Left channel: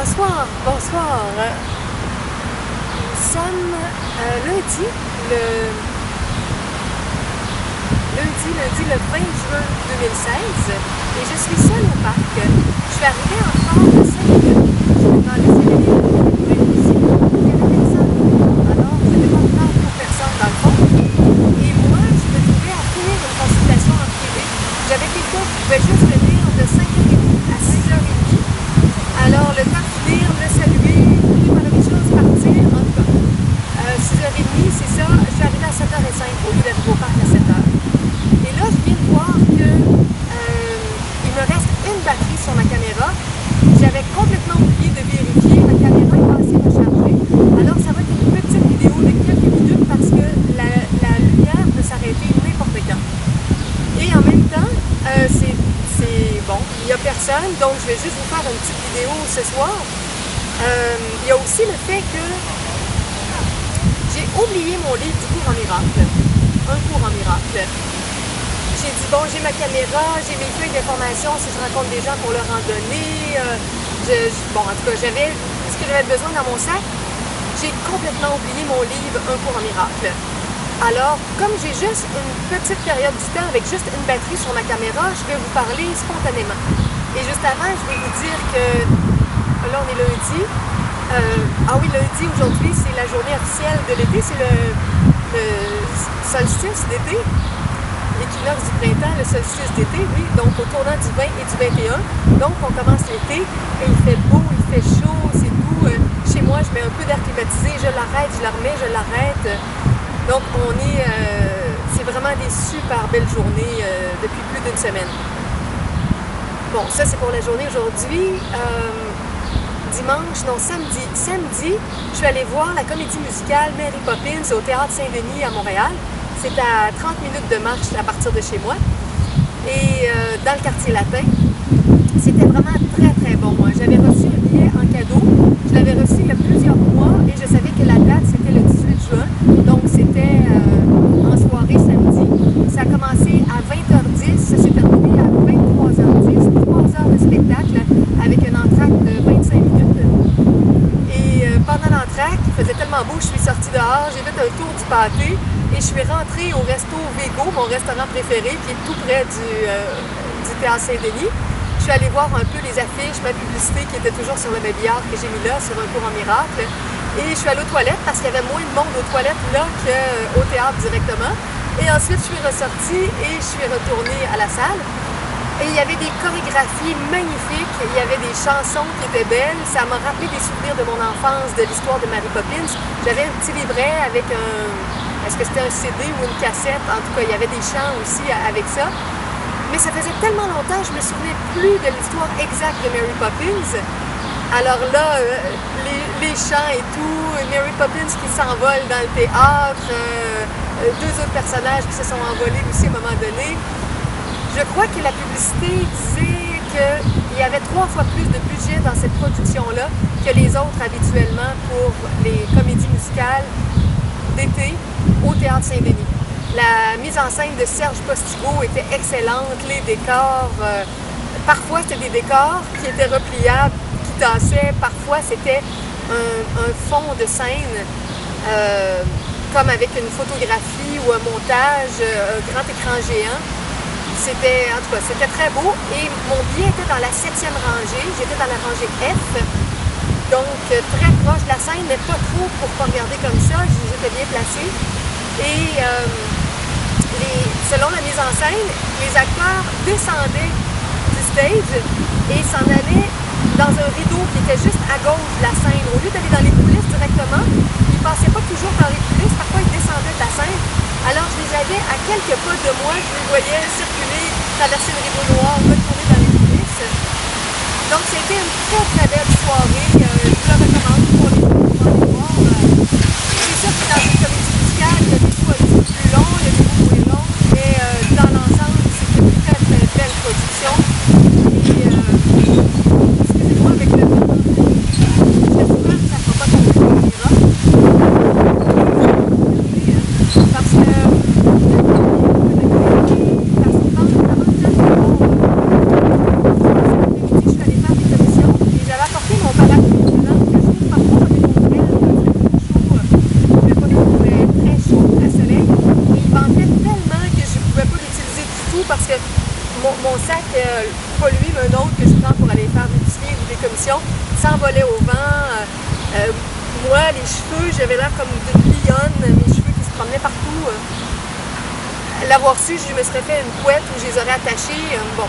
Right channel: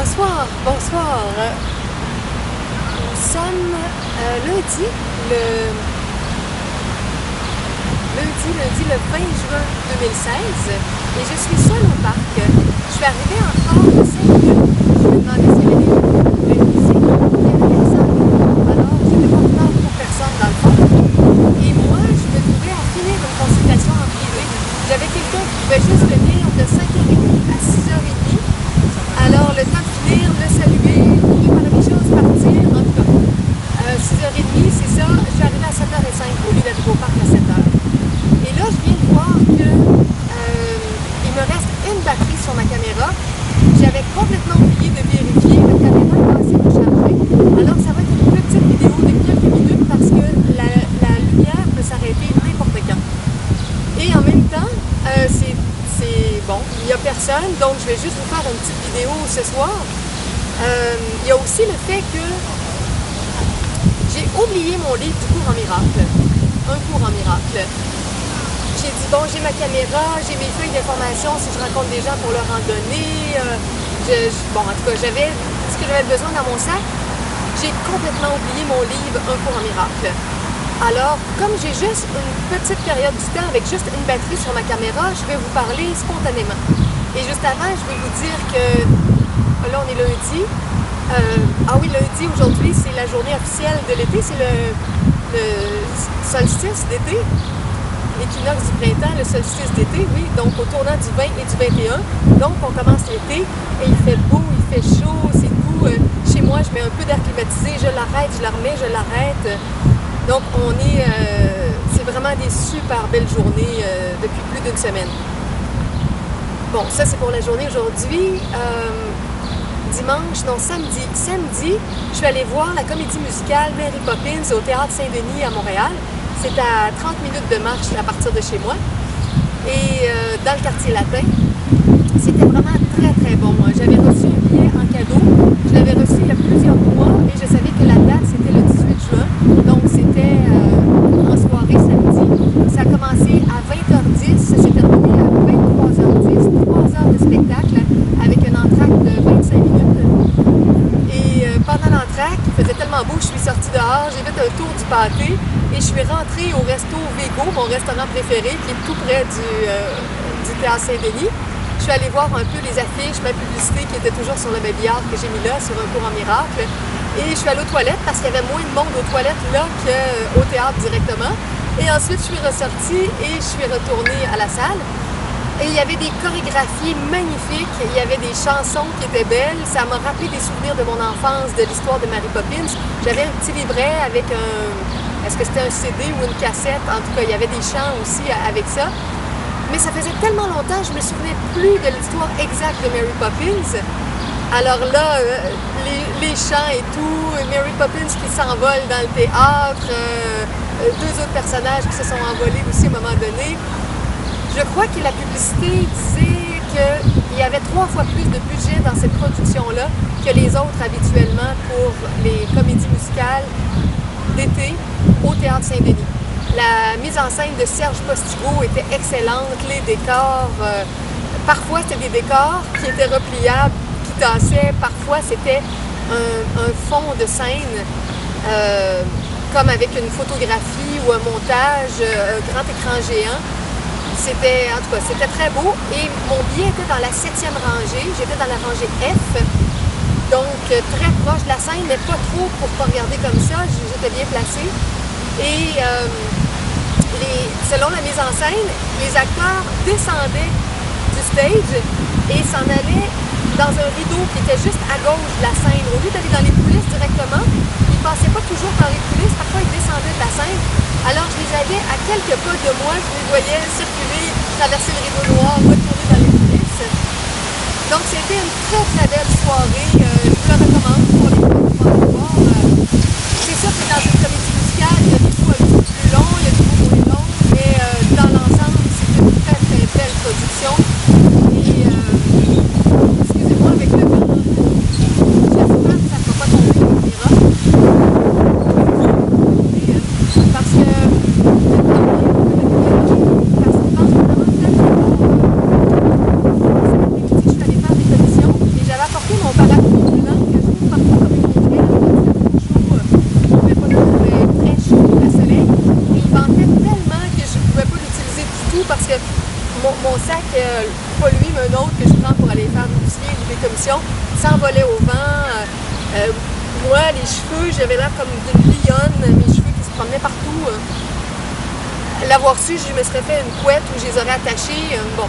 Bonsoir, bonsoir. Nous sommes lundi, le 20 juin 2016 et je suis seule au parc. Je suis arrivée en retard de 5 minutes. Je me demandais s'il y avait des gens qui pourraient être ici. Il n'y avait personne. Alors, je n'étais pas en retard pour personne dans le fond. Et moi, je me trouvais à finir une consultation en privé. J'avais quelqu'un qui pouvait juste venir de 5h30 à 6h30. Alors, le temps de finir, le saluer, préparer les choses, partir, en tout cas. 6h30, c'est ça. Je suis arrivée à 7h05 au lieu d'arriver au parc à 7h. Et là, je viens de voir que il me reste une batterie sur ma caméra. J'avais complètement oublié de vérifier. Ma caméra est pas assez rechargée. Alors, ça va être une petite vidéo de quelques minutes parce que la lumière peut s'arrêter n'importe quand. Et en même temps, c'est bon, il n'y a personne, donc je vais juste vous faire une petite vidéo ce soir. Il y a aussi le fait que j'ai oublié mon livre du cours en miracle. Un cours en miracle. J'ai dit, bon, j'ai ma caméra, j'ai mes feuilles d'information si je rencontre des gens pour leur en donner. Bon, en tout cas, j'avais ce que j'avais besoin dans mon sac. J'ai complètement oublié mon livre Un cours en miracle. Alors, comme j'ai juste une petite période du temps avec juste une batterie sur ma caméra, je vais vous parler spontanément. Et juste avant, je vais vous dire que là, on est lundi. Ah oui, lundi, aujourd'hui, c'est la journée officielle de l'été. C'est le solstice d'été. L'équinoxe du printemps, le solstice d'été, oui, donc au tournant du 20 et du 21. Donc, on commence l'été et il fait beau, il fait chaud, c'est doux. Chez moi, je mets un peu d'air climatisé, je l'arrête, je la remets, je l'arrête. Donc, c'est vraiment des super belles journées depuis plus d'une semaine. Bon, ça, c'est pour la journée aujourd'hui. Dimanche, non, samedi. Samedi, je suis allée voir la comédie musicale Mary Poppins au Théâtre Saint-Denis à Montréal. C'est à 30 minutes de marche à partir de chez moi. Et dans le quartier latin, c'était vraiment très, très bon. J'avais reçu un billet en cadeau. Je l'avais reçu il y a plusieurs mois et je savais que la date, c'était le 18 juin. Donc, c'était en soirée samedi. Ça a commencé à 20h10. Ça s'est terminé à 23h10. 3 heures de spectacle avec un entracte de 25 minutes. Et pendant l'entracte, il faisait tellement beau, je suis sortie dehors, j'ai fait un tour du pâté et je suis rentrée au resto Vego, mon restaurant préféré, qui est tout près du Théâtre Saint-Denis. Je suis allée voir un peu les affiches, ma publicité qui était toujours sur le babillard que j'ai mis là, sur Un cours en miracle. Et je suis allée aux toilettes parce qu'il y avait moins de monde aux toilettes là qu'au théâtre directement. Et ensuite, je suis ressortie et je suis retournée à la salle. Et il y avait des chorégraphies magnifiques, il y avait des chansons qui étaient belles. Ça m'a rappelé des souvenirs de mon enfance, de l'histoire de Mary Poppins. J'avais un petit livret avec est-ce que c'était un CD ou une cassette? En tout cas, il y avait des chants aussi avec ça. Mais ça faisait tellement longtemps, je me souvenais plus de l'histoire exacte de Mary Poppins. Alors là, les chants et tout, Mary Poppins qui s'envole dans le théâtre, deux autres personnages qui se sont envolés aussi à un moment donné. Je crois que la publicité disait qu'il y avait 3 fois plus de budget dans cette production-là que les autres habituellement pour les comédies musicales d'été au Théâtre Saint-Denis. La mise en scène de Serge Postigo était excellente, les décors, parfois c'était des décors qui étaient repliables, qui tassaient, parfois c'était un fond de scène comme avec une photographie ou un montage, un grand écran géant. C'était, en tout cas, c'était très beau et mon billet était dans la 7e rangée. J'étais dans la rangée F, donc très proche de la scène, mais pas trop pour pas regarder comme ça. J'étais bien placée. Et selon la mise en scène, les acteurs descendaient du stage et s'en allaient dans un rideau qui était juste à gauche de la scène. Au lieu d'aller dans les coulisses directement, ils ne passaient pas toujours par les coulisses. Parfois, ils descendaient de la scène. Alors, je les avais à quelques pas de moi, je les voyais circuler, traverser le rideau noir, retourner dans les coulisses. Donc, c'était une très, très belle soirée. Je vous la recommande pour les voir. C'est sûr que dans une comédie musicale, il y a des bouts un petit peu plus longs, il y a des bouts moins longs, mais dans l'ensemble, c'était une très, très belle production. Et, excusez-moi avec le vent, j'espère que ça ne fera pas tomber la caméra. Parce que j'avais apporté mon mon parapluie blanc que j'ouvre parfois comme une ombrelle quand il fait trop chaud, mais pas trop, mais très chaud, très soleil. Et il ventait tellement que je ne pouvais pas l'utiliser du tout parce que mon sac, pas lui, mais un autre que je prends pour aller faire de l'épicerie ou des commissions, s'envolait au vent. Moi, les cheveux, j'avais l'air comme d'une lionne, mes cheveux qui se promenaient partout. L'avoir su, je me serais fait une couette où je les aurais attachés. Bon.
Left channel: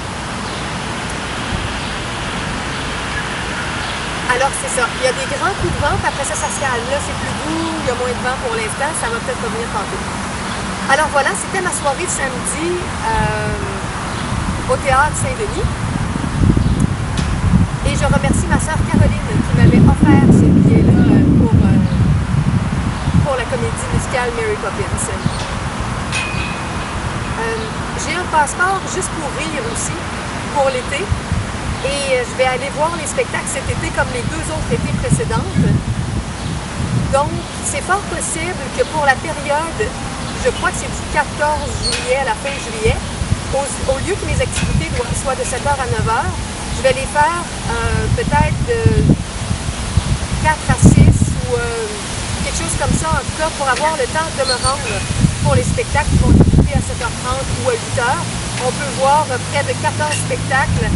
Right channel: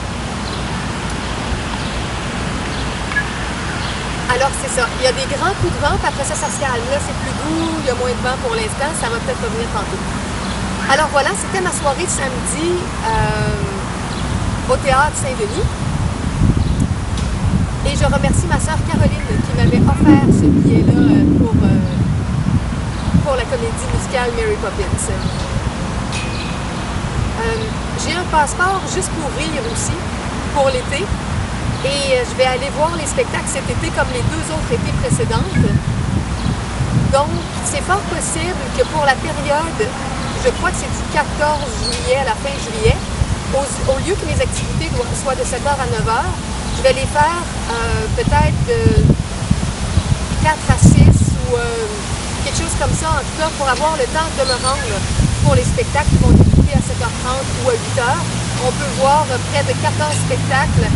Alors, c'est ça. Il y a des grands coups de vent, puis après ça, ça se calme. Là, c'est plus doux, il y a moins de vent pour l'instant. Ça va peut-être revenir tantôt. Alors voilà, c'était ma soirée de samedi au Théâtre Saint-Denis. Et je remercie ma sœur Caroline qui m'avait offert ce billet-là pour la comédie musicale Mary Poppins. J'ai un passeport juste pour rire aussi, pour l'été. Et je vais aller voir les spectacles cet été comme les 2 autres étés précédentes. Donc, c'est fort possible que pour la période, je crois que c'est du 14 juillet à la fin juillet, au lieu que mes activités soient de 7h à 9h, je vais les faire peut-être de 4 à 6 ou quelque chose comme ça, en tout cas, pour avoir le temps de me rendre pour les spectacles qui vont débuter à 7h30 ou à 8h. On peut voir près de 14 spectacles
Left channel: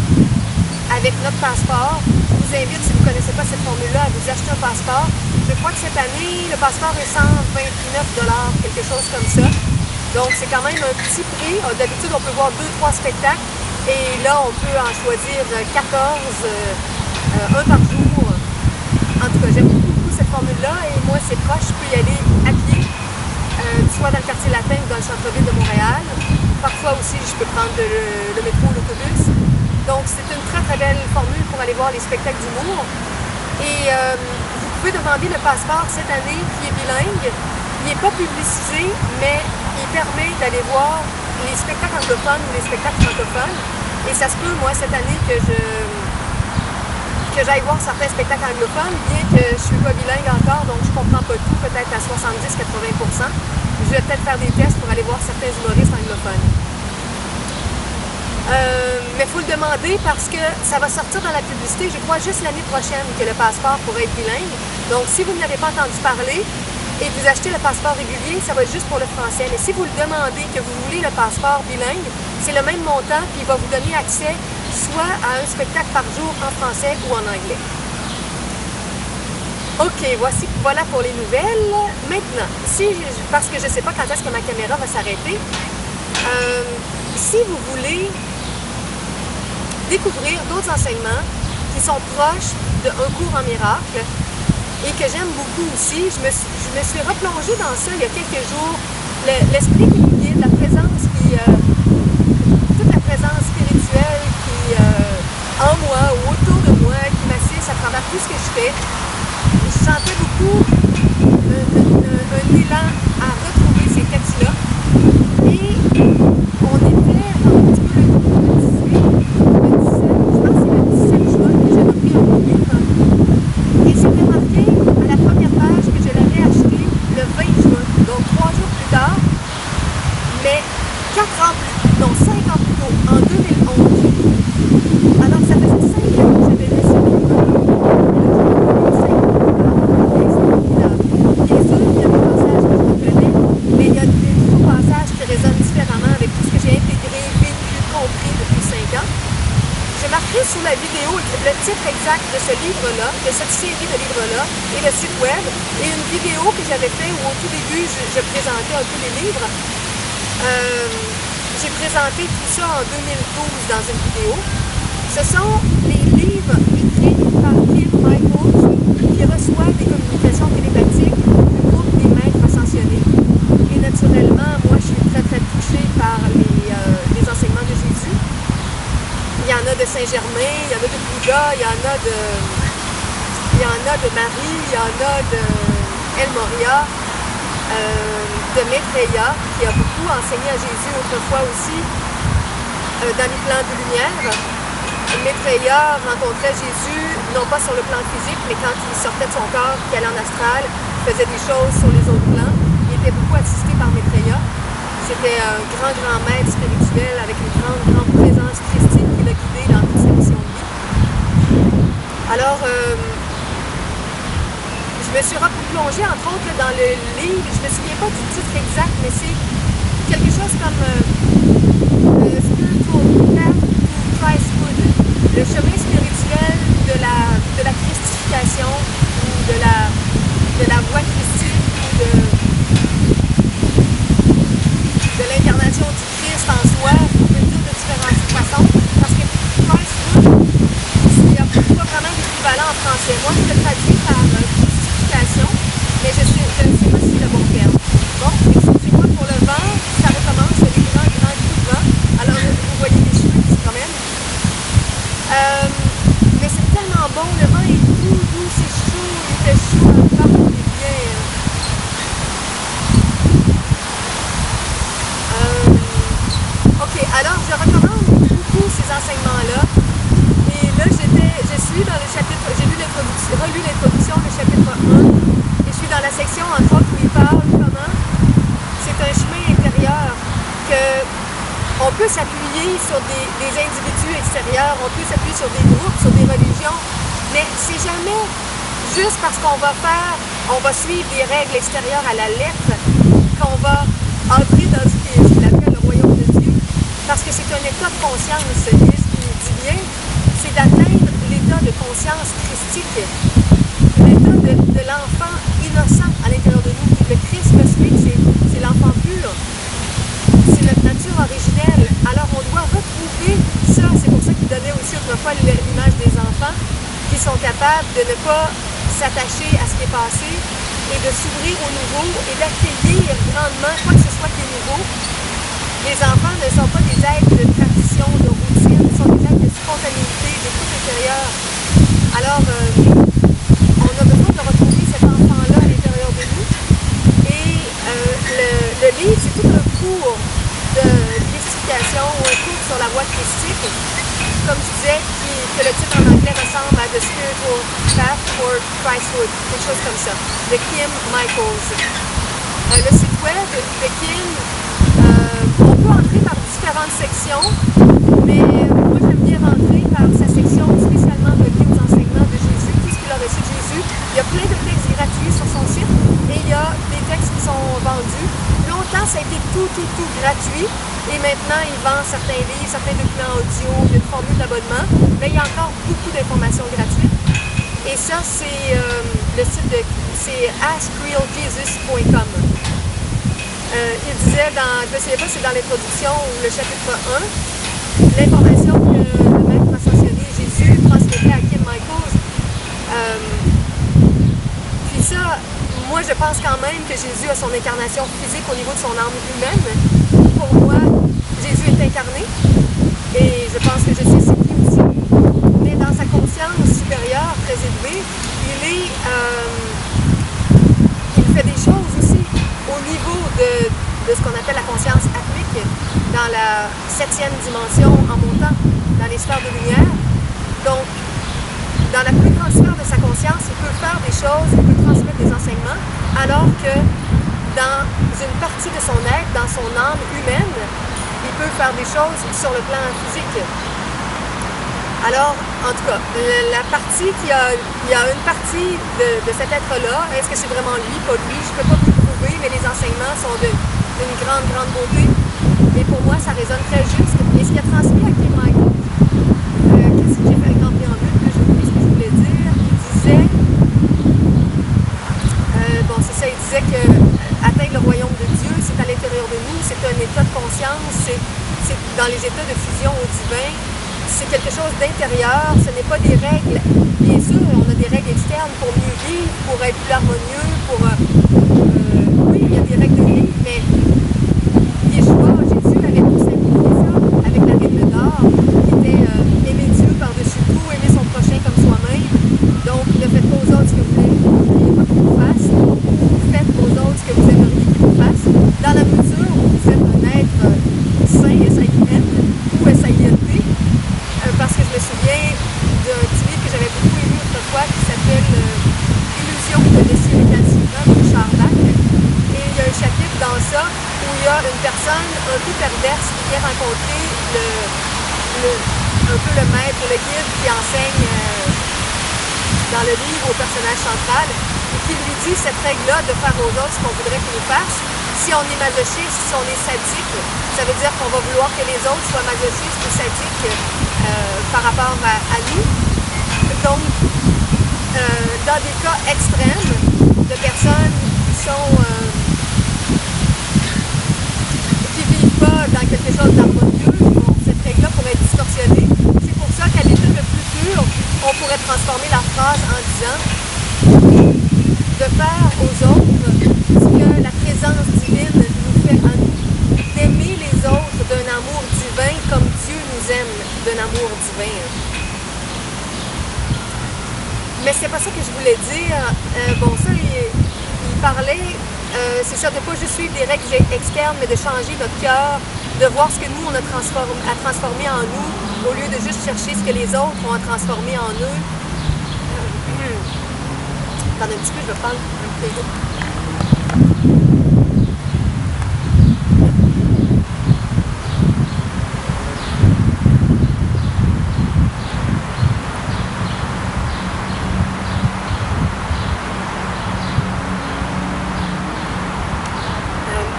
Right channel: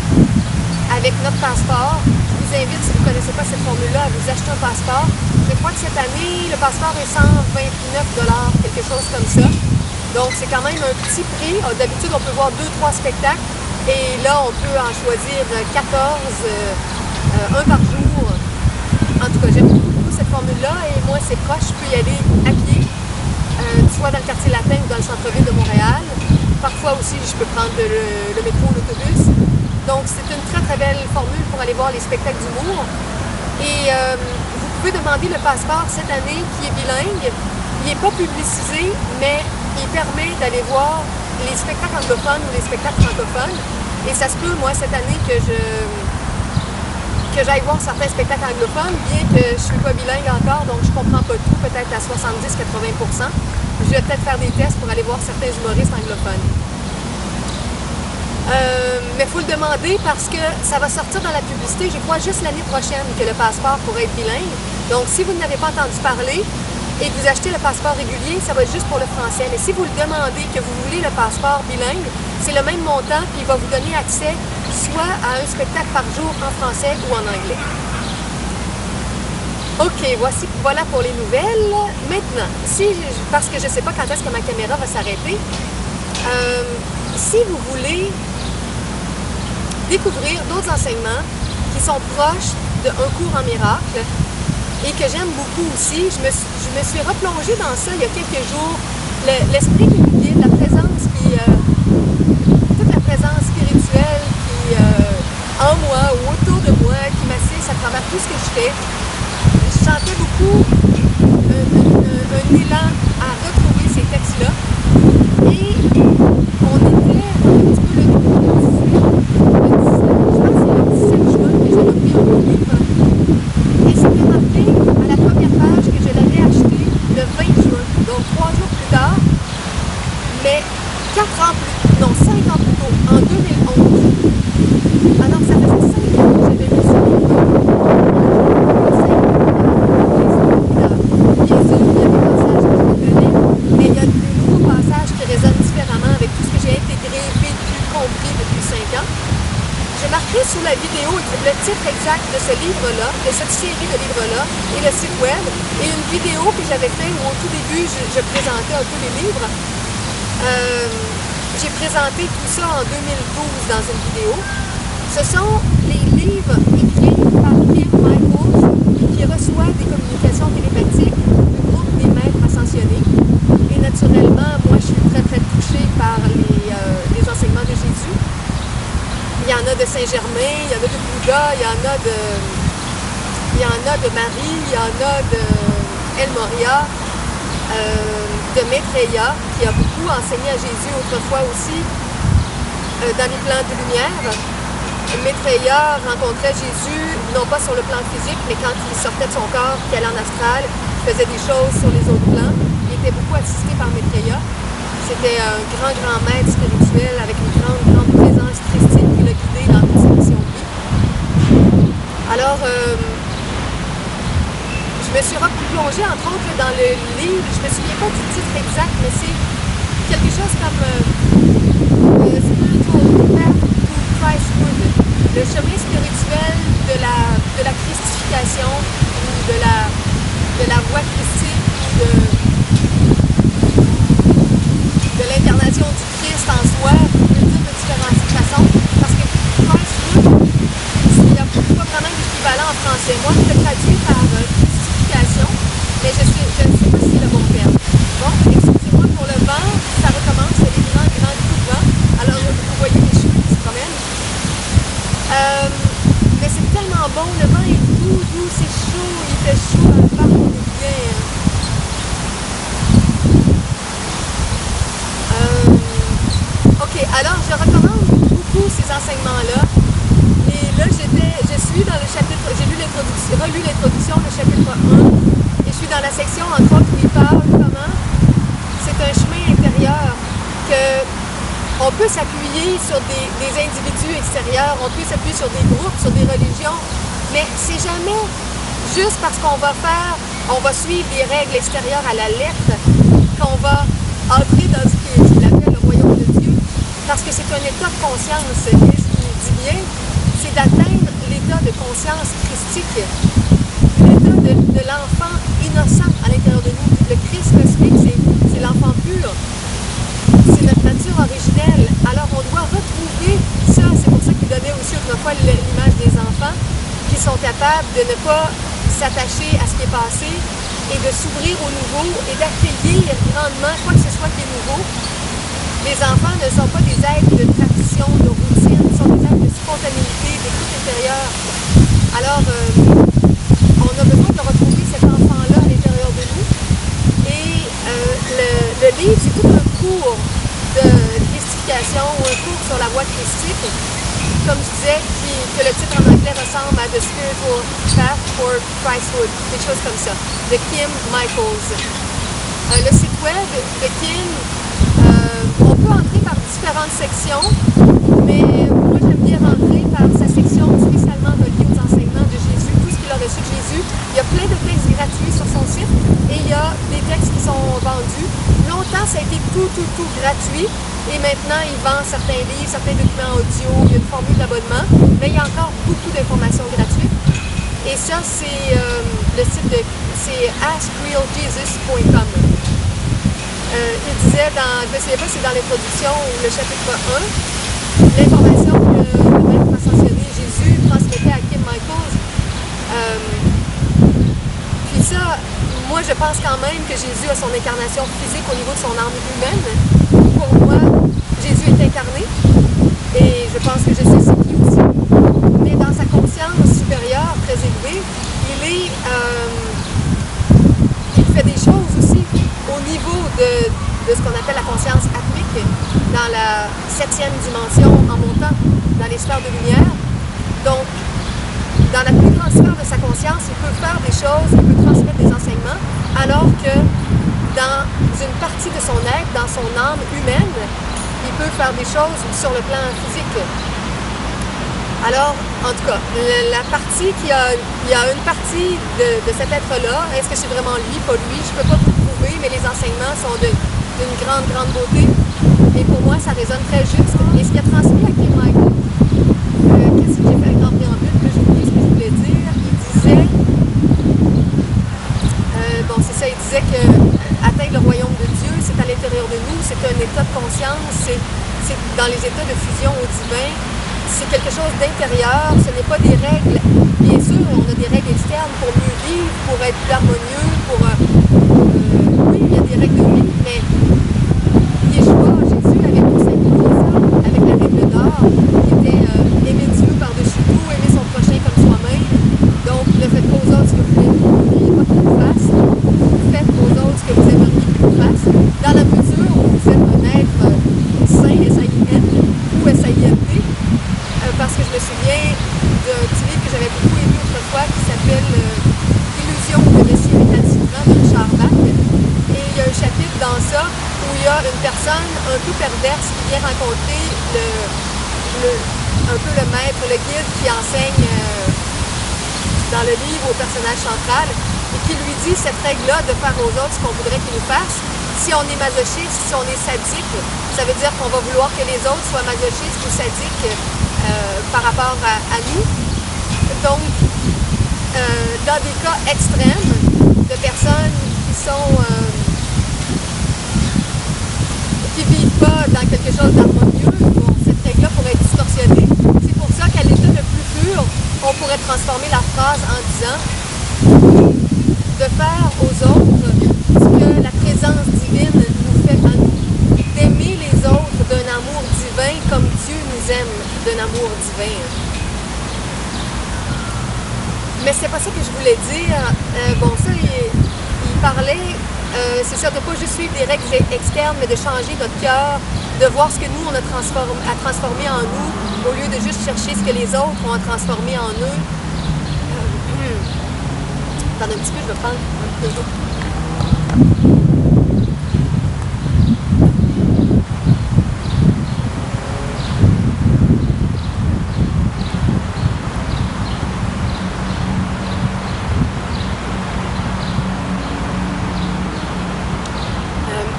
avec notre passeport. Je vous invite, si vous ne connaissez pas cette formule-là, à vous acheter un passeport. Je crois que cette année, le passeport est 129 $, quelque chose comme ça. Donc, c'est quand même un petit prix. D'habitude, on peut voir 2-3 spectacles. Et là, on peut en choisir 14, un par jour. En tout cas, j'aime beaucoup cette formule-là. Et moi, c'est proche. Je peux y aller à pied, soit dans le quartier latin ou dans le centre-ville de Montréal. Parfois aussi, je peux prendre le métro ou l'autobus. Donc, c'est une très belle formule pour aller voir les spectacles d'humour. Et vous pouvez demander le passeport cette année qui est bilingue. Il n'est pas publicisé, mais il permet d'aller voir les spectacles anglophones ou les spectacles francophones. Et ça se peut, moi, cette année, que j'aille voir certains spectacles anglophones, bien que je ne suis pas bilingue encore, donc je ne comprends pas tout, peut-être à 70-80%. Je vais peut-être faire des tests pour aller voir certains humoristes anglophones. Mais il faut le demander parce que ça va sortir dans la publicité, je crois, juste l'année prochaine que le passeport pourrait être bilingue. Donc, si vous n'avez pas entendu parler et que vous achetez le passeport régulier, ça va être juste pour le français. Mais si vous le demandez, que vous voulez le passeport bilingue, c'est le même montant, puis il va vous donner accès soit à un spectacle par jour en français ou en anglais. OK, voilà pour les nouvelles. Maintenant, parce que je ne sais pas quand est-ce que ma caméra va s'arrêter, si vous voulez découvrir d'autres enseignements qui sont proches d'un cours en miracle et que j'aime beaucoup aussi, je me suis replongée dans ça il y a quelques jours. L'esprit qui nous guide, la présence toute la présence spirituelle qui en moi ou autour de moi, qui m'assiste à travers tout ce que je fais. Je sentais beaucoup un élan à retrouver ces textes-là. Et on était, attends un petit peu, le 17, je pense que c'est le 17 juin que j'ai repris un beau livre. Et c'était marqué à la première page que je l'avais acheté le 20 juin, donc 3 jours plus tard, mais 5 ans plus tôt, en 2011. Alors ça faisait 5 ans que j'avais lu ce livre-là. Et là, je l'ai lu 5 ans plus tard, et c'est formidable. Bien sûr, il y a des passages que je reconnais, mais il y a des nouveaux passages qui résonnent différemment avec tout ce que j'ai intégré, vécu, compris depuis 5 ans. Je marquerai sous la vidéo le titre exact de ce livre-là, de cette série de livres-là, et le site web, et une vidéo que j'avais fait où au tout début, je présentais un peu les livres. J'ai présenté tout ça en 2012 dans une vidéo. Ce sont les livres écrits par Kim Michaels qui reçoit des communications télépathiques du groupe des maîtres ascensionnés. Et naturellement, moi, je suis très touchée par les enseignements de Jésus. Il y en a de Saint-Germain, il y en a de Bouddha, il y en a de Marie, il y en a de El Moria, de Maitreya, qui a beaucoup enseigné à Jésus autrefois aussi dans les plans de lumière. Maitreya rencontrait Jésus, non pas sur le plan physique, mais quand il sortait de son corps, qu'il allait en astral, qu'il faisait des choses sur les autres plans. Il était beaucoup assisté par Maitreya. C'était un grand maître spirituel avec une grande présence christique qui l'a guidé dans toute sa mission de vie. Alors, je me suis replongée, entre autres, là, dans le livre. Je me souviens pas du titre exact, mais c'est quelque chose comme Spiritual Path to Christhood, le chemin spirituel de la christification ou de la voie christique ou de l'incarnation du Christ en soi. Vous pouvez le dire de différentes façons, parce que Christhood, il n'y a pas vraiment d'équivalent en français. Moi, je le traduis par christification, mais je ne sais pas si c'est le bon terme. Bon, excusez-moi pour le vent, ça recommence, les grands coups de vent. Alors, vous voyez mes cheveux qui se promènent. Mais c'est tellement bon, le vent est doux, c'est chaud, il fait chaud dans le parc, on est bien. Ok, alors je recommande beaucoup ces enseignements-là. Et là, je suis dans le chapitre, j'ai relu l'introduction, le chapitre 1, et je suis dans la section, entre autres, où il parle comment c'est un chemin intérieur, qu'on peut s'appuyer sur des individus extérieurs, on peut s'appuyer sur des groupes, sur des religions, mais c'est jamais juste parce qu'on va suivre des règles extérieures à la lettre qu'on va entrer dans ce qu'il appelle le royaume de Dieu, parce que c'est un état de conscience, et ce qu'il dit bien, c'est d'atteindre l'état de conscience christique, l'état de l'enfant innocent à l'intérieur de nous. Le Christ cosmique, c'est l'enfant pur, c'est notre nature originelle. Alors on doit retrouver ça, c'est pour ça qu'il donnait aussi autrefois l'image des enfants qui sont capables de ne pas s'attacher à ce qui est passé et de s'ouvrir au nouveau et d'accueillir grandement quoi que ce soit qui est nouveau. Les enfants ne sont pas des êtres de tradition, de routine, ils sont des êtres de spontanéité, d'écoute intérieure. Alors, on a besoin de retrouver cet enfant-là à l'intérieur de nous. Et le livre, c'est tout un cours de christification ou un cours sur la voie christique, comme je disais, que le titre en anglais ressemble à The Spiritual Path for Christhood, quelque chose comme ça, de Kim Michaels. Le site web de Kim, on peut entrer par différentes sections, mais moi j'aime bien rentrer par sa section spécialement reliée aux enseignements de Jésus, tout ce qu'il a reçu de Jésus. Il y a plein de textes gratuits sur son site et il y a des textes qui sont vendus. Longtemps, ça a été tout gratuit et maintenant, il vend certains livres, certains documents audio, il y a une formule d'abonnement, mais il y a encore beaucoup d'informations gratuites. Et ça, c'est le site c'est askrealjesus.com. Il disait, je ne me souviens pas si c'est dans l'introduction ou le chapitre 1, l'information que le maître ascensionné Jésus transmettait à Kim Michaels. Puis ça, moi je pense quand même que Jésus a son incarnation physique au niveau de son âme humaine. Pour moi, Jésus est incarné et je pense que je sais c'est qui aussi. Mais dans sa conscience supérieure, très élevée, il fait des choses aussi au niveau de ce qu'on appelle la conscience atmique, dans la 7e dimension en montant dans les sphères de lumière. Donc, dans la plus grande sphère de sa conscience, il peut faire des choses, il peut transmettre des enseignements, alors que dans une partie de son être, dans son âme humaine, il peut faire des choses sur le plan physique. Alors, en tout cas, la partie il y a une partie de cet être-là. Est-ce que c'est vraiment lui, pas lui? Je ne peux pas vous le prouver, mais les enseignements sont d'une grande beauté. Et pour moi, ça résonne très juste. Et ce qu'il a transmis à Kim Michaels, qu'est-ce que j'ai fait un grand préambule, que j'ai oublié ce que je voulais dire. Il disait, bon, c'est ça, il disait que atteindre le royaume de Dieu, c'est à l'intérieur de nous, c'est un état de conscience, c'est dans les états de fusion au divin. C'est quelque chose d'intérieur, ce n'est pas des règles. Bien sûr, on a des règles externes pour mieux vivre, pour être plus harmonieux, oui, il y a des règles de vie, mais Yeshua, Jésus avait tout simplifié ça avec la règle d'or, qui était aimer Dieu par-dessus tout, aimer son prochain comme soi-même. Donc, ne faites pas aux autres ce que vous ne voudriez pas qu'ils vous fassent, ou faites aux autres ce que vous aimeriez qu'ils vous fassent, dans la mesure où vous êtes un être saint, S-A-I-N, ou S-A-I-N-T, parce que je me souviens d'un petit livre que j'avais beaucoup aimé autrefois qui s'appelle Illusion ou le Messie récalcitrant de Richard Bach. Et il y a un chapitre dans ça où il y a une personne un peu perverse qui vient rencontrer un peu le maître, le guide qui enseigne dans le livre au personnage central et qui lui dit cette règle-là de faire aux autres ce qu'on voudrait qu'ils nous fassent. Si on est masochiste, si on est sadique, ça veut dire qu'on va vouloir que les autres soient masochistes ou sadiques par rapport à nous. Donc, dans des cas extrêmes de personnes qui vivent pas dans quelque chose d'harmonieux, bon, cette règle-là pourrait être distorsionnée. C'est pour ça qu'à l'état le plus pur, on pourrait transformer la phrase en disant de faire aux autres ce que la présence divine nous fait à nous, d'aimer les autres d'un amour divin comme Dieu nous aime d'un amour divin. Mais c'est pas ça que je voulais dire. Bon, ça, il parlait, c'est ça, de pas juste suivre des règles externes, mais de changer notre cœur, de voir ce que nous, on a transformé en nous, au lieu de juste chercher ce que les autres ont transformé en eux. Attendez un petit peu, je vais prendre un petit peu.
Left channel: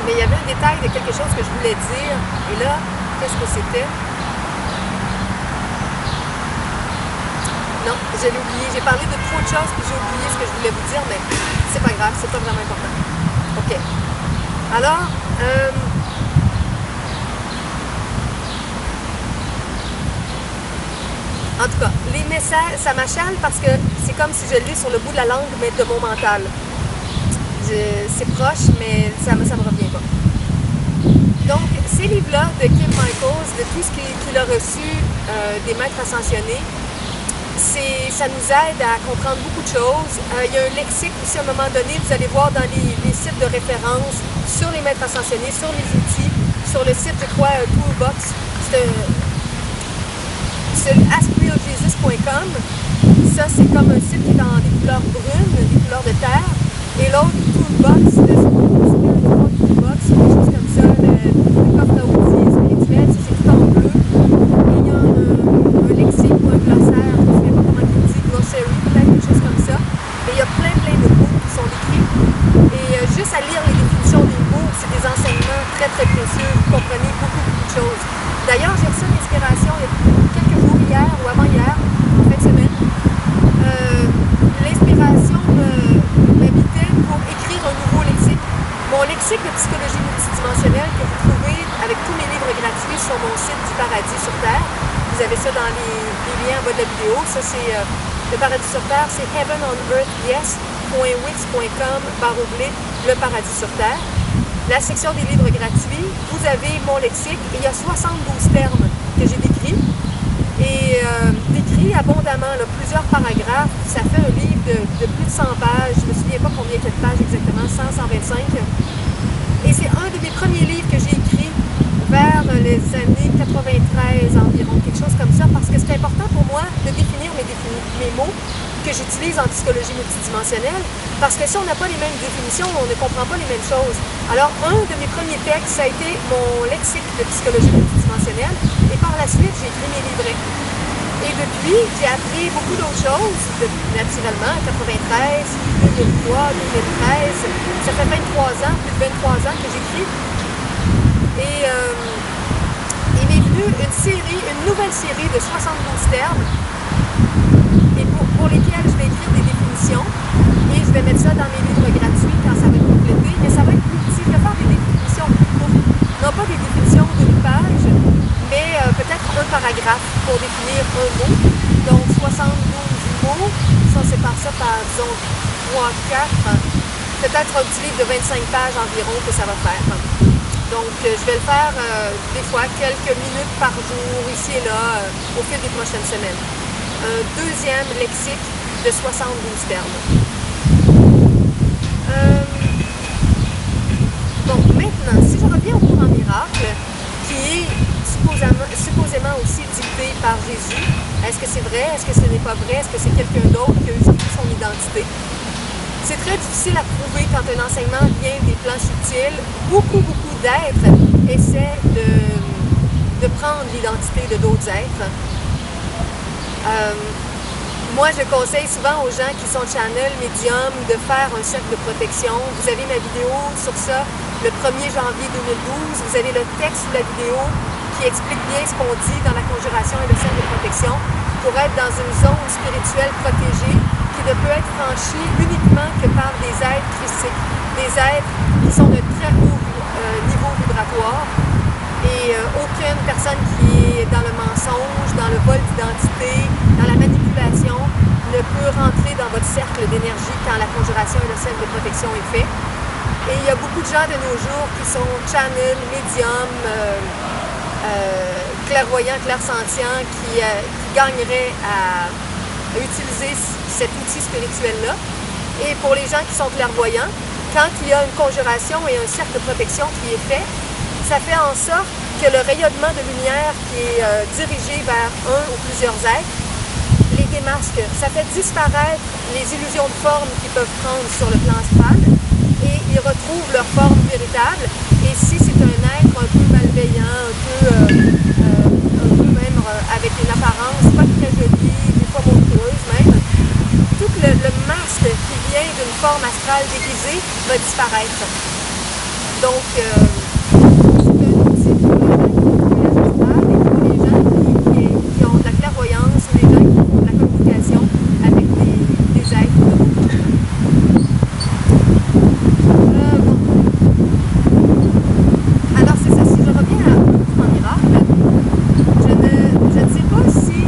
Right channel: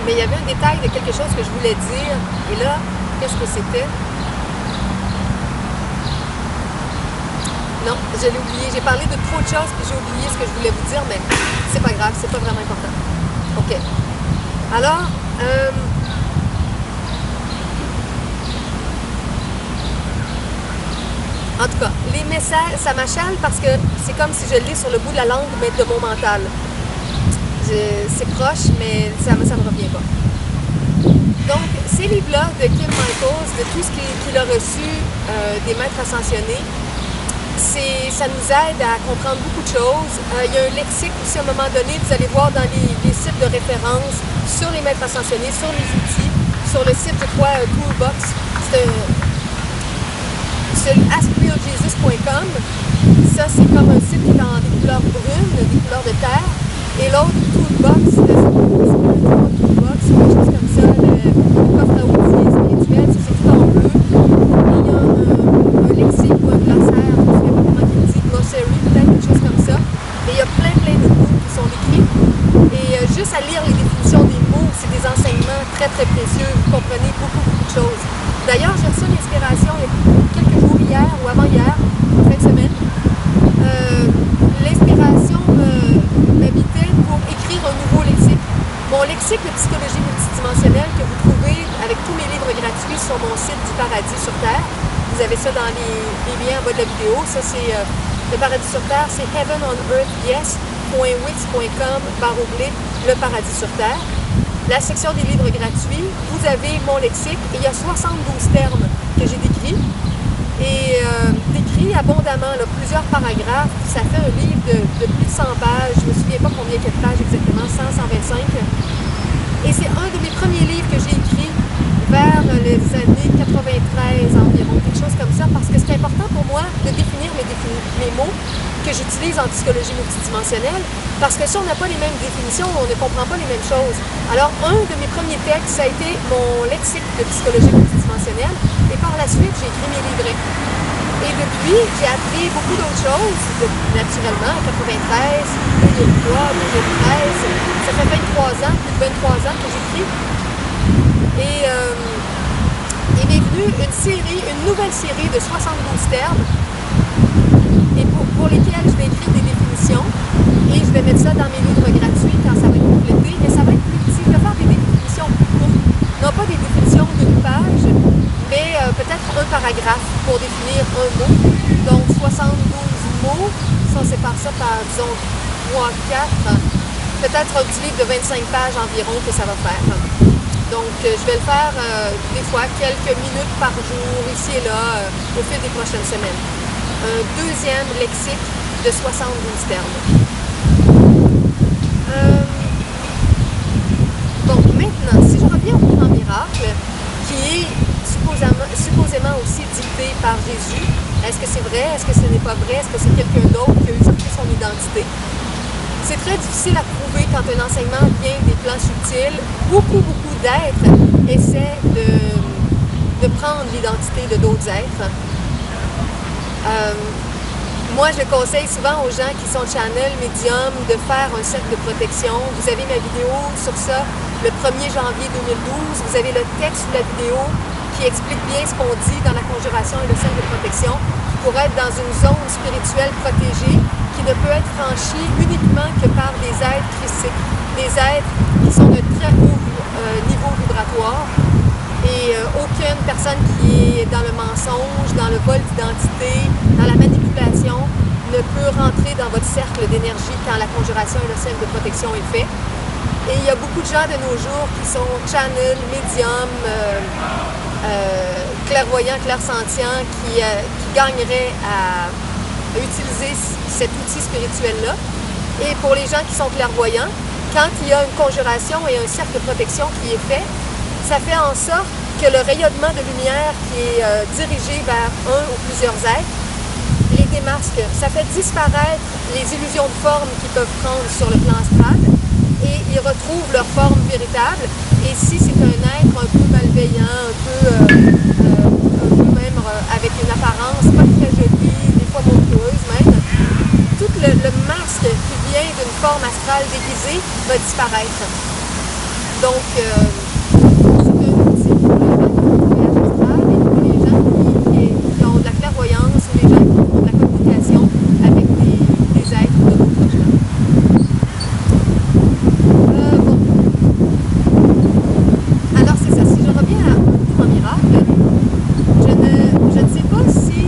Mais il y avait un détail de quelque chose que je voulais dire. Et là, qu'est-ce que c'était? Non, je l'ai oublié. J'ai parlé de trop de choses puis j'ai oublié ce que je voulais vous dire, mais c'est pas grave, c'est pas vraiment important. OK. Alors, en tout cas, les messages, ça m'achale parce que c'est comme si je l'ai sur le bout de la langue, mais de mon mental. C'est proche, mais ça me revient pas. Donc, ces livres-là de Kim Michaels, de tout ce qu'il a reçu des maîtres ascensionnés, ça nous aide à comprendre beaucoup de choses. Il y a un lexique aussi, à un moment donné, vous allez voir dans les sites de référence sur les maîtres ascensionnés, sur les outils, sur le site, je crois, Toolbox, c'est askrealjesus.com. Ça, c'est comme un site qui est en des couleurs brunes, des couleurs de terre. Et l'autre, Toolbox, le Spiritual Toolbox, quelque chose comme ça, le coffre à outils spirituel, ça c'est tout en bleu. Et il y a un lexique ou un glossaire, je ne me souviens pas comment il dit, glossary peut-être, quelque chose comme ça. Mais il y a plein de mots qui sont décrits. Et juste à lire les définitions des mots, c'est des enseignements très précieux, vous comprenez beaucoup de choses. D'ailleurs, j'ai reçu une inspiration il y a quelques jours, hier ou avant-hier, en fin de semaine. L'inspiration m'habitait pour écrire un nouveau lexique. Mon lexique de psychologie multidimensionnelle que vous trouvez avec tous mes livres gratuits sur mon site du Paradis sur Terre. Vous avez ça dans les liens en bas de la vidéo. Ça, c'est le Paradis sur Terre, c'est heavenonearthyes.wix.com/le Paradis sur Terre. La section des livres gratuits, vous avez mon lexique et il y a 72 termes que j'ai décrits. Et décrit abondamment, là, plusieurs paragraphes. Ça fait un livre de plus de 100 pages. Je ne me souviens pas combien il y a de pages exactement, 100, 125. Et c'est un de mes premiers livres que j'ai écrit vers les années 93 environ, quelque chose comme ça, parce que c'est important pour moi de définir mes mots que j'utilise en psychologie multidimensionnelle, parce que si on n'a pas les mêmes définitions, on ne comprend pas les mêmes choses. Alors, un de mes premiers textes, ça a été mon lexique de psychologie multidimensionnelle, et par la suite, j'ai écrit mes livrets. Et depuis, j'ai appris beaucoup d'autres choses, naturellement, 93, 2003, 2013, ça fait 23 ans, plus de 23 ans que j'écris. Et il m'est venu une nouvelle série de 72 termes, et pour lesquels je vais écrire des définitions, et je vais mettre ça dans mes livres gratuits quand ça va être complété, mais ça va être plus petit. Je vais faire des définitions plus courtes, non pas des définitions d'une page, mais peut-être un paragraphe pour définir un mot. Donc 72 mots, si on sépare ça par, disons, 3, 4, peut-être un petit livre de 25 pages environ que ça va faire. Donc, je vais le faire des fois quelques minutes par jour, ici et là, au fil des prochaines semaines. Un deuxième lexique de 72 termes. Bon, maintenant, si je reviens au cours en miracle, qui est supposément aussi dicté par Jésus, est-ce que c'est vrai? Est-ce que ce n'est pas vrai? Est-ce que c'est quelqu'un d'autre qui a usurpé son identité? C'est très difficile à prouver quand un enseignement vient des plans subtils. Beaucoup d'êtres essaient de prendre l'identité de d'autres êtres. Moi, je conseille souvent aux gens qui sont channel, médium, de faire un cercle de protection. Vous avez ma vidéo sur ça le 1er janvier 2012. Vous avez le texte sous la vidéo qui explique bien ce qu'on dit dans la conjuration et le cercle de protection pour être dans une zone spirituelle protégée qui ne peut être franchie uniquement que par des êtres christiques, des êtres qui sont de très haut niveau vibratoire. Et aucune personne qui est dans le mensonge, dans le vol d'identité, dans la manipulation, ne peut rentrer dans votre cercle d'énergie quand la conjuration et le cercle de protection est fait. Et il y a beaucoup de gens de nos jours qui sont channel, médium, clairvoyants, clairsentients, qui gagneraient à utiliser cet outil spirituel-là. Et pour les gens qui sont clairvoyants, quand il y a une conjuration et un cercle de protection qui est fait, ça fait en sorte que le rayonnement de lumière qui est dirigé vers un ou plusieurs êtres les démasque. Ça fait disparaître les illusions de forme qu'ils peuvent prendre sur le plan astral et ils retrouvent leur forme véritable. Et si c'est un être un peu malveillant, un peu même avec une apparence pas très jolie, des fois monstrueuse même, tout le masque qui vient d'une forme astrale déguisée va disparaître. Donc, qui ont de la clairvoyance ou les gens qui font de la communication avec des êtres de d'autres plans. Bon. Alors c'est ça, si je reviens à un cours en miracle, je ne sais pas si...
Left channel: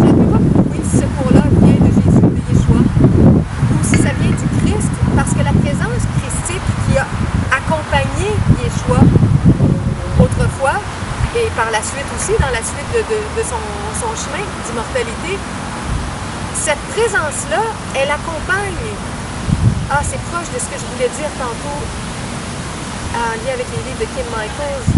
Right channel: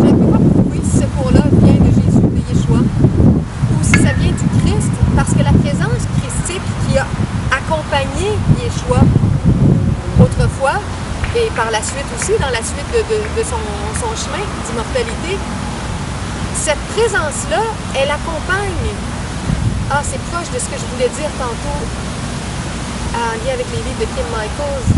Je ne peux pas prouver si ce cours-là vient de Jésus, de Yeshua, ou si ça vient du Christ, parce que la présence christique qui a accompagné Yeshua autrefois, et par la suite aussi, dans la suite de son chemin d'immortalité, cette présence-là, elle accompagne. Ah, c'est proche de ce que je voulais dire tantôt en lien avec les livres de Kim Michaels.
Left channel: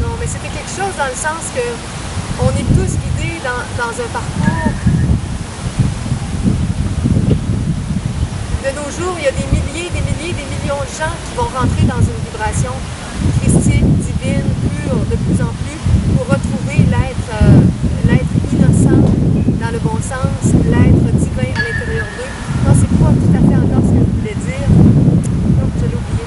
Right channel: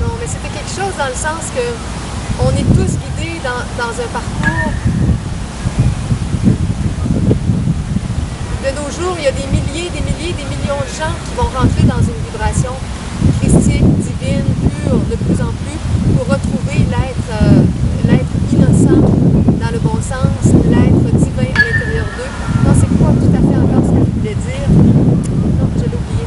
Non, mais c'était quelque chose dans le sens que on est tous guidés dans un parcours. De nos jours, il y a des milliers, des millions de gens qui vont rentrer dans une vibration christique, divine, pure, de plus en plus, pour retrouver l'être innocent dans le bon sens, l'être divin à l'intérieur d'eux. Non, c'est pas tout à fait encore ce que je voulais dire. Non, je l'ai oublié.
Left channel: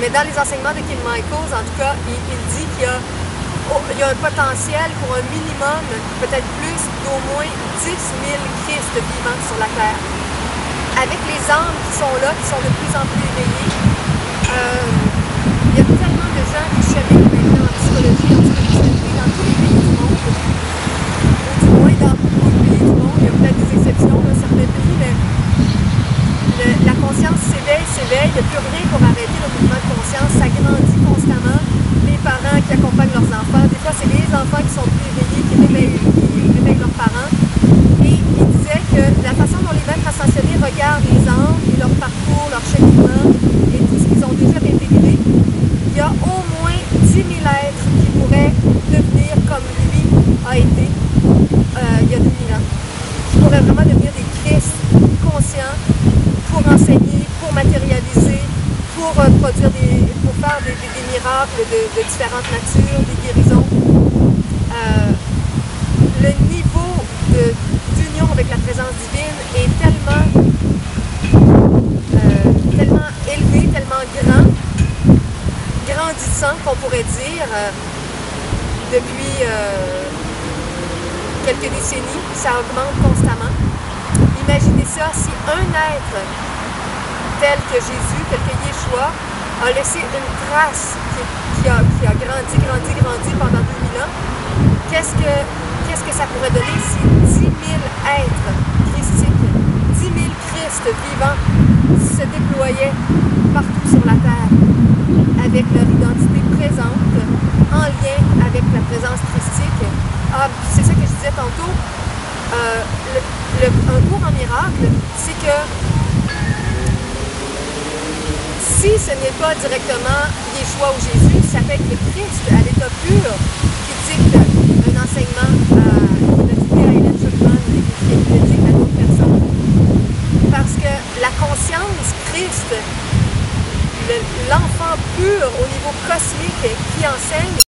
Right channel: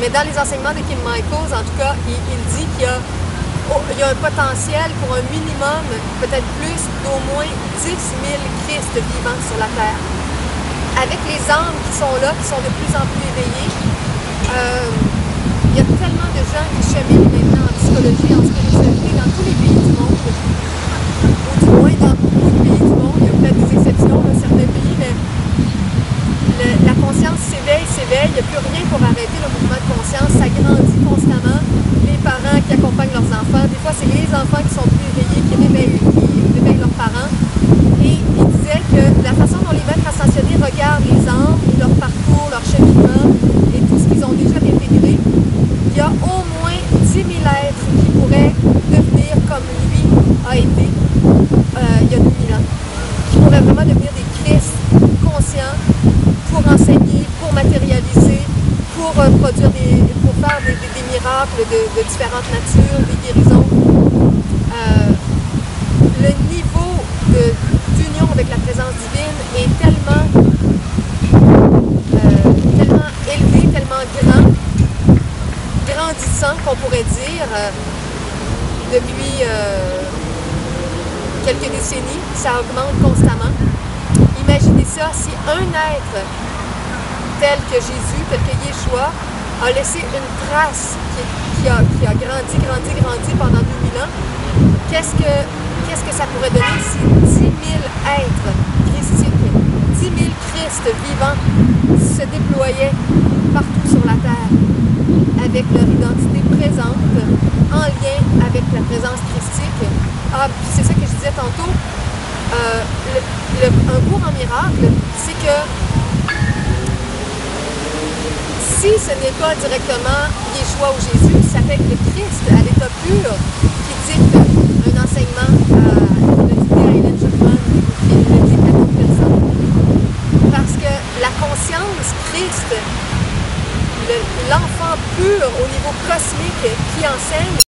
Mais dans les enseignements de Kim Michaels, en tout cas, il dit qu'il y a un potentiel pour un minimum, peut-être plus, d'au moins 10 000 Christ vivants sur la Terre. Avec les âmes qui sont là, qui sont de plus en plus éveillées, il y a tellement de gens qui cheminent maintenant en psychologie, en spiritualité, dans tous les pays du monde, ou du moins dans beaucoup de pays du monde. Il y a peut-être des exceptions, là, certains pays, mais la conscience s'éveille, il n'y a plus rien pour arrêter le mouvement de conscience, ça grandit constamment. Les parents qui accompagnent leurs enfants, des fois c'est les enfants qui sont plus éveillés, qui réveillent leurs parents. Et il disait que la façon dont les maîtres ascensionnés regardent les âmes et leur parcours, leur cheminement et tout ce qu'ils ont déjà intégré, il y a au moins 10 000 êtres qui pourraient devenir comme lui a été il y a 2000 ans, qui pourraient vraiment devenir des Christ conscients pour enseigner, pour matérialiser, pour produire pour faire des miracles de différentes natures, des guérisons. Le niveau d'union avec la présence divine est tellement élevé, tellement grandissant qu'on pourrait dire depuis quelques décennies, ça augmente constamment. Imaginez ça, si un être tel que Jésus, tel que Yeshua, a laissé une trace qui a grandi pendant 2000 ans, qu'est-ce que ça pourrait donner si 10 000 êtres christiques, 10 000 Christ vivants se déployaient partout sur la Terre avec leur identité présente, en lien avec la présence christique. Ah, puis c'est ça que je disais tantôt, un cours en miracle, c'est que si ce n'est pas directement Yeshua ou Jésus, ça peut être le Christ à l'état pur qui dicte un enseignement, qui l'a dicté à Hélène Schuckman, qui le dicte à d'autres personnes. parce que la conscience, Christ, l'enfant pur au niveau cosmique qui enseigne,